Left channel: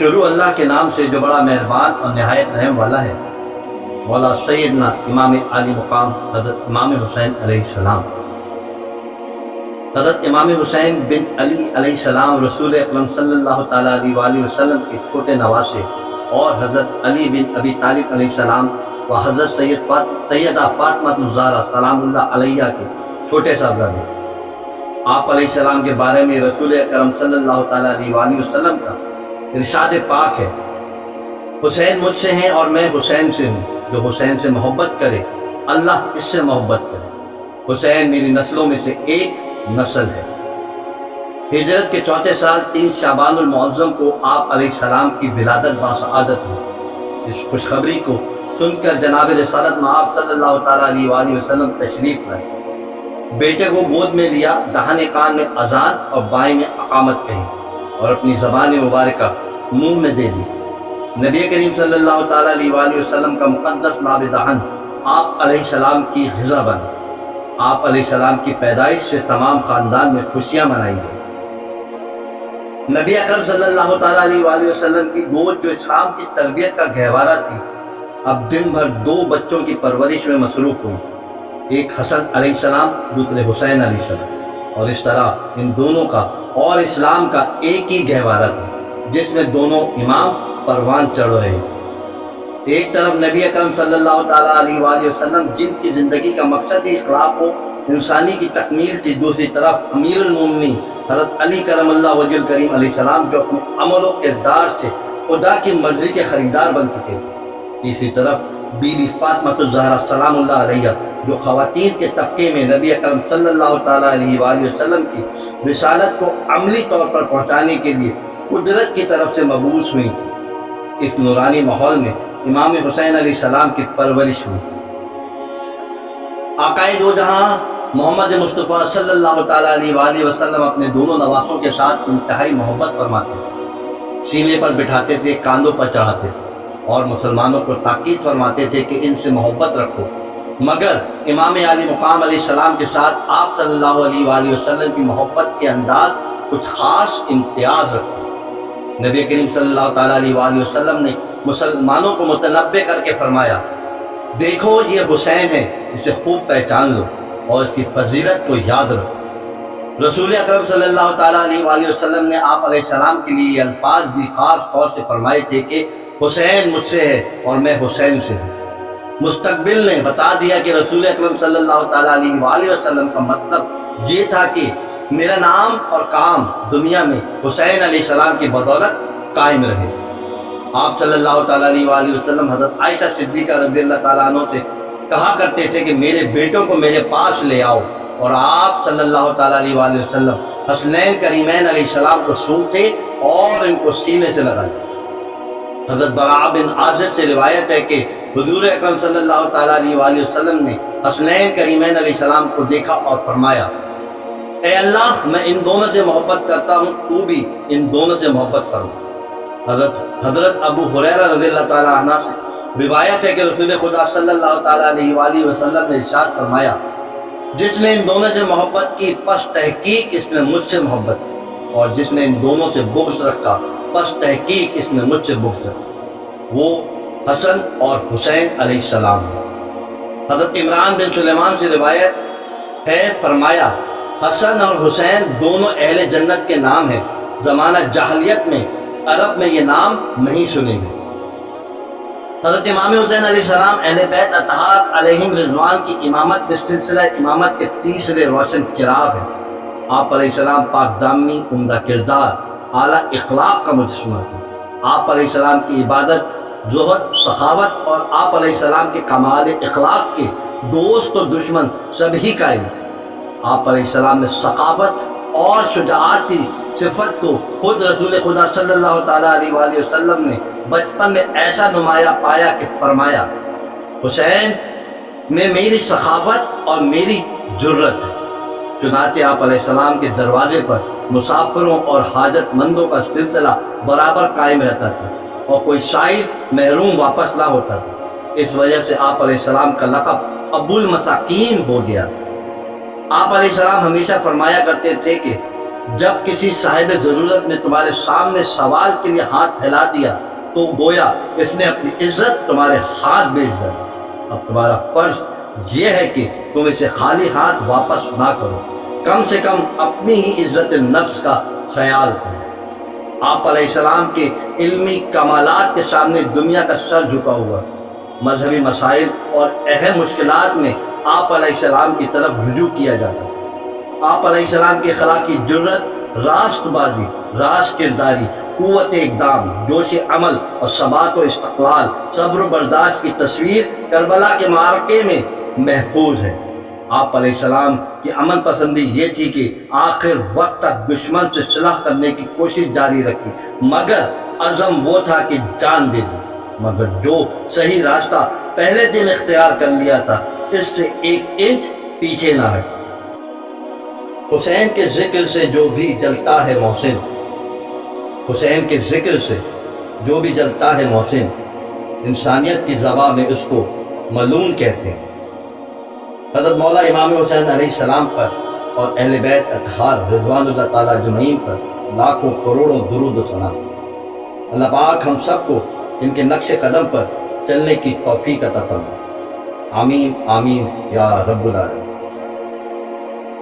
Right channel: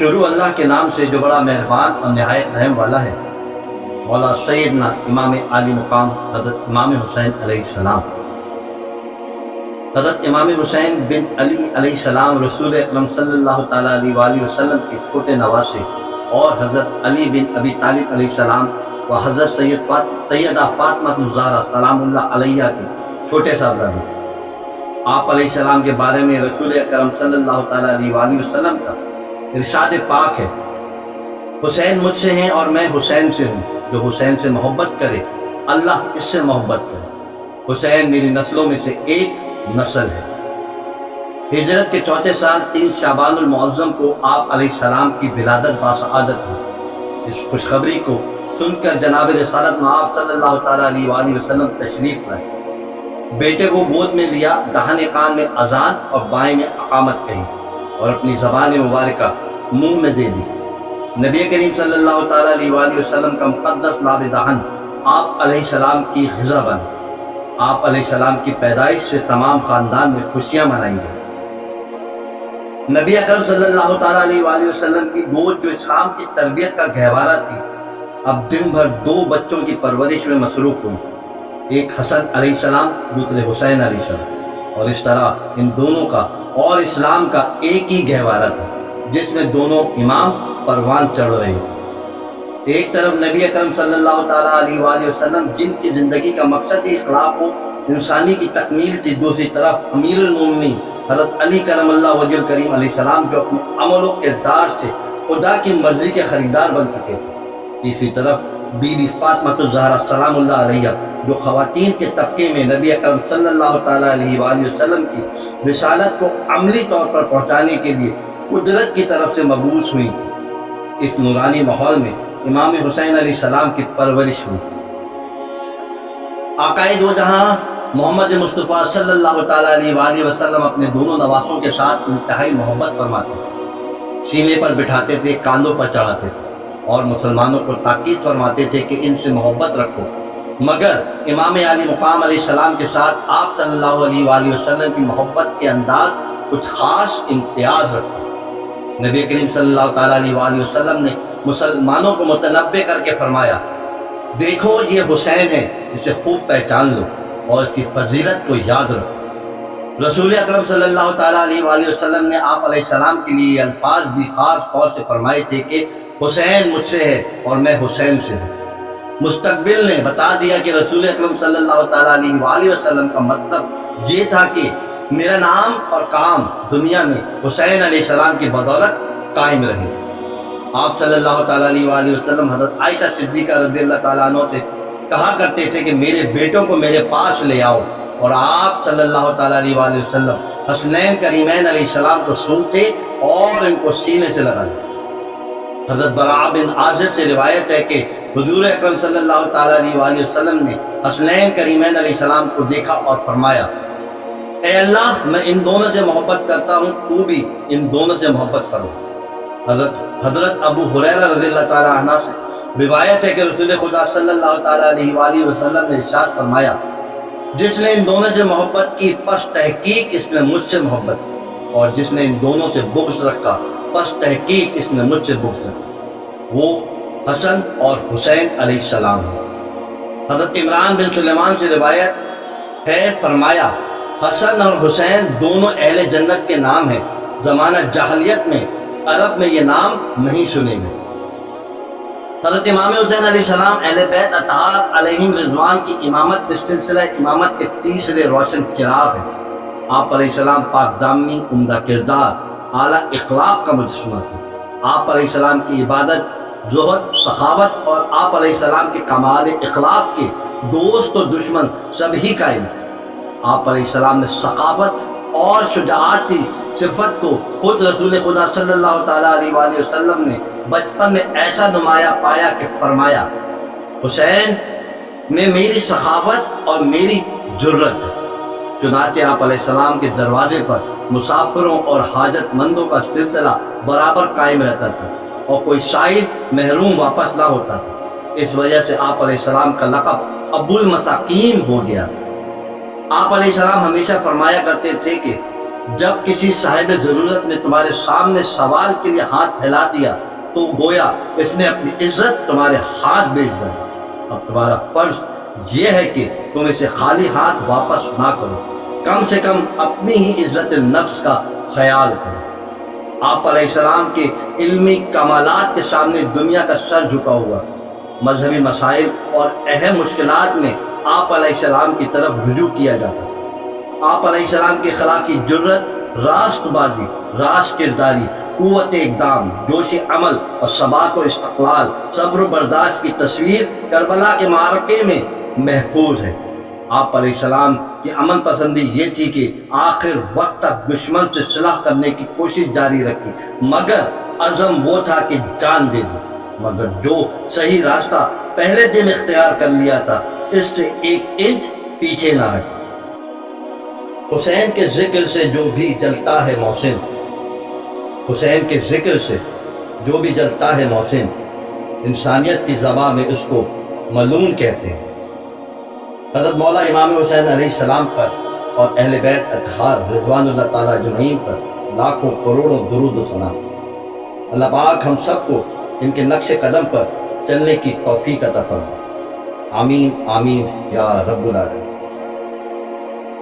شروع اللہ کے نام سے جو بڑا مہربان اور نہایت رحم والا ہے۔ مولا سیدنا امام عالی مقام حضرت امام حسین علیہ السلام۔ حضرت امام حسین بن علی علیہ السلام رسول اکرم صلی اللہ تعالیٰ علیہ وآلہ وسلم کے چھوٹے نواسے اور حضرت علی بن ابی طالب علیہ السلام و حضرت سیدہ فاطمہ الزہرا سلام اللہ علیہ کے چھوٹے صاحبزادے۔ آپ علیہ السلام کے بارے میں رسول اکرم صلی اللہ تعالیٰ علیہ وآلہ وسلم کا ارشاد پاک ہے، حسین مجھ سے ہیں اور میں حسین سے ہوں، جو حسین سے محبت کرے اللہ اس سے محبت کرے۔ حسین میری نسلوں میں سے ایک نسل ہے۔ ہجرت کے چوتھے سال 3 شعبان المعظم کو آپ علیہ السلام کی ولادت باسعادت ہوئی۔ اس خوشخبری کو سن کر جناب رسالت مآب صلی اللہ تعالیٰ علیہ وآلہ وسلم تشریف لائے، بیٹے کو گود میں لیا، داہنے کان میں اذان اور بائیں میں اقامت کہی اور اپنی زبان مبارکہ منہ میں دے دی۔ نبی کریم صلی اللہ تعالیٰ علیہ وآلہ وسلم کا مقدس لاب دہن آپ علیہ السلام کی غذا بن۔ آپ علیہ السلام کی پیدائش سے تمام خاندان میں خوشیاں منائی گئی۔ نبی اکرم صلی اللہ تعالیٰ علیہ وآلہ وسلم کی گود جو اسلام کی تربیت کا گہوارہ تھی، اب دن بھر 2 بچوں کی پرورش میں مصروف ہوئی، ایک حسن علیہ السلام، دوسرے حسین علیہ السلام، اور اس طرح ان دونوں کا اور اسلام کا ایک ہی گہوارہ تھا جس میں دونوں امام پروان چڑھ رہے ہیں۔ ایک طرف نبی اکرم صلی اللہ تعالیٰ علیہ وآلہ وسلم جن کی زندگی کا مقصد اخلاق و انسانی کی تکمیل تھی، دوسری طرف امیر المومنین حضرت علی کرم اللہ وجہ الکریم علیہ السلام جو اپنے عمل و کردار سے خدا کی مرضی کے خریدار بن چکے تھے۔ تیسری طرف بی بی فاطمہ الزہرا سلام اللہ علیہ جو خواتین کے طبقے میں نبی اکرم صلی اللہ تعالیٰ علیہ وآلہ وسلم کی رسالت کو عملی طور پر پہنچانے کے لیے قدرت کی طرف سے مبعوث ہوئی۔ اس نورانی ماحول میں امام حسین علیہ السلام کی پرورش ہوئی۔ آقائے دو جہاں محمد مصطفیٰ صلی اللہ تعالیٰ علیہ وآلہ وسلم اپنے دونوں نواسوں کے ساتھ انتہائی محبت فرماتے تھے، سینے پر بٹھاتے تھے، کاندھوں پر چڑھاتے تھے اور مسلمانوں کو تاکید فرماتے تھے کہ ان سے محبت رکھو، مگر امام علی مقام علیہ السلام کے ساتھ آپ صلی اللہ علیہ وآلہ وسلم کی محبت کے انداز کچھ خاص امتیاز رکھو۔ نبی کریم صلی اللہ تعالیٰ علیہ وآلہ وسلم نے مسلمانوں کو متنبہ کر کے فرمایا، دیکھو یہ حسین ہے، اسے خوب پہچان لو اور اس کی فضیلت کو یاد رکھو۔ رسول اکرم صلی اللہ تعالیٰ علیہ وآلہ وسلم نے آپ علیہ السلام کے لیے یہ الفاظ بھی خاص طور سے فرمائے تھے کہ حسین مجھ سے ہے اور میں حسین سے ہوں۔ مستقبل نے بتا دیا کہ رسول اکرم صلی اللہ تعالیٰ علیہ وآلہ وسلم کا مطلب یہ تھا کہ میرا نام اور کام دنیا میں حسین علیہ السلام کی بدولت قائم رہے۔ آپ صلی اللہ تعالیٰ علیہ وآلہ وسلم حضرت عائشہ صدیقہ رضی اللہ تعالیٰ عنہ سے کہا کرتے تھے کہ میرے بیٹوں کو میرے پاس لے آؤ، اور آپ صلی اللہ تعالیٰ علیہ وآلہ وسلم حسنین کریمین علیہ السلام کو سونتے اور ان کو سینے سے لگا لیا۔ حضرت براء بن عازب سے روایت ہے کہ حضور اکرم صلی اللہ تعالیٰ علیہ وآلہ وسلم نے حسنین کریمین علیہ السلام کو دیکھا اور فرمایا، اے اللہ میں ان دونوں سے محبت کرتا ہوں، تو بھی ان دونوں سے محبت کرو۔ حضرت ابو ہریرہ رضی اللہ تعالیٰ عنہ سے روایت ہے کہ رسول خدا صلی اللہ تعالیٰ علیہ وآلہ وسلم نے ارشاد فرمایا، جس نے ان دونوں سے محبت کی پس تحقیق اس نے مجھ سے محبت کی، اور جس نے ان دونوں سے بغض رکھا پس تحقیق اس نے مجھ سے بغض رکھا، وہ حسن اور حسین علیہ السلام۔ حضرت عمران بن سلیمان سے روایت ہے، فرمایا حسن اور حسین دونوں اہل جنت کے نام ہیں، زمانہ جاہلیت میں عرب میں یہ نام نہیں سنے گئے۔ حضرت امام حسین علیہ السلام اہل بیت اطہار علیہم رضوان کی امامت کے سلسلہ امامت کے تیسرے روشن چراغ ہے۔ آپ علیہ السلام پاک دامنی، عمدہ کردار، اعلیٰ اخلاق کا مجسمہ تھے۔ آپ علیہ السلام کی عبادت، زہد، سخاوت اور آپ علیہ السلام کے کمال اخلاق کے دوست و دشمن سبھی قائل تھے۔ آپ علیہ السلام میں ثقافت اور شجاعت کی صفت کو خود رسول خدا صلی اللہ تعالیٰ علیہ وآلہ وسلم نے بچپن میں ایسا نمایاں پایا کہ فرمایا، حسین میں میری سخاوت اور میری جرت ہے۔ چنانچہ آپ علیہ السلام کے دروازے پر مسافروں اور حاجت مندوں کا سلسلہ برابر قائم رہتا تھا اور کوئی سائل محروم واپس نہ ہوتا تھا۔ اس وجہ سے آپ علیہ السلام کا لقب ابو المساکین ہو گیا۔ آپ علیہ السلام ہمیشہ فرمایا کرتے تھے کہ جب کسی صاحب ضرورت نے تمہارے سامنے سوال کے لیے ہاتھ پھیلا دیا تو گویا اس نے اپنی عزت تمہارے ہاتھ بیچ دی۔ اب تمہارا فرض یہ ہے کہ تم اسے خالی ہاتھ واپس نہ کرو، کم سے کم اپنی ہی عزت نفس کا خیال کرو۔ آپ علیہ السلام کے علمی کمالات کے سامنے دنیا کا سر جھکا ہوا، مذہبی مسائل اور اہم مشکلات میں آپ علیہ السلام کی طرف رجوع کیا جاتا۔ آپ علیہ السلام کی اخلاقی جرت، راست بازی، راست کرداری، قوت اقدام، جوش عمل اور ثبات و استقلال، صبر و برداشت کی تصویر کربلا کے معرکے میں محفوظ ہے۔ آپ علیہ السلام کی عمل پسندی یہ تھی کہ آخر وقت تک دشمن سے صلح کرنے کی کوشش جاری رکھی، مگر عزم وہ تھا کہ جان دے دی، مگر جو صحیح راستہ پہلے دن اختیار کر لیا تھا اس سے 1 انچ پیچھے نہ ہٹے۔ حسین کے ذکر سے جو بھی جلتا ہے محسن، حسین کے ذکر سے جو بھی جلتا ہے محسن، انسانیت کی زبان میں اس کو ملعون کہتے ہیں۔ حضرت مولا امام حسین علیہ السلام پر اور اہل بیت اطہار رضوان اللہ تعالیٰ اجمعین پر لاکھوں کروڑوں درود و ثنا۔ اللہ پاک ہم سب کو ان کے نقش قدم پر چلنے کی توفیق عطا فرمائے۔ آمین آمین یا رب العالمین۔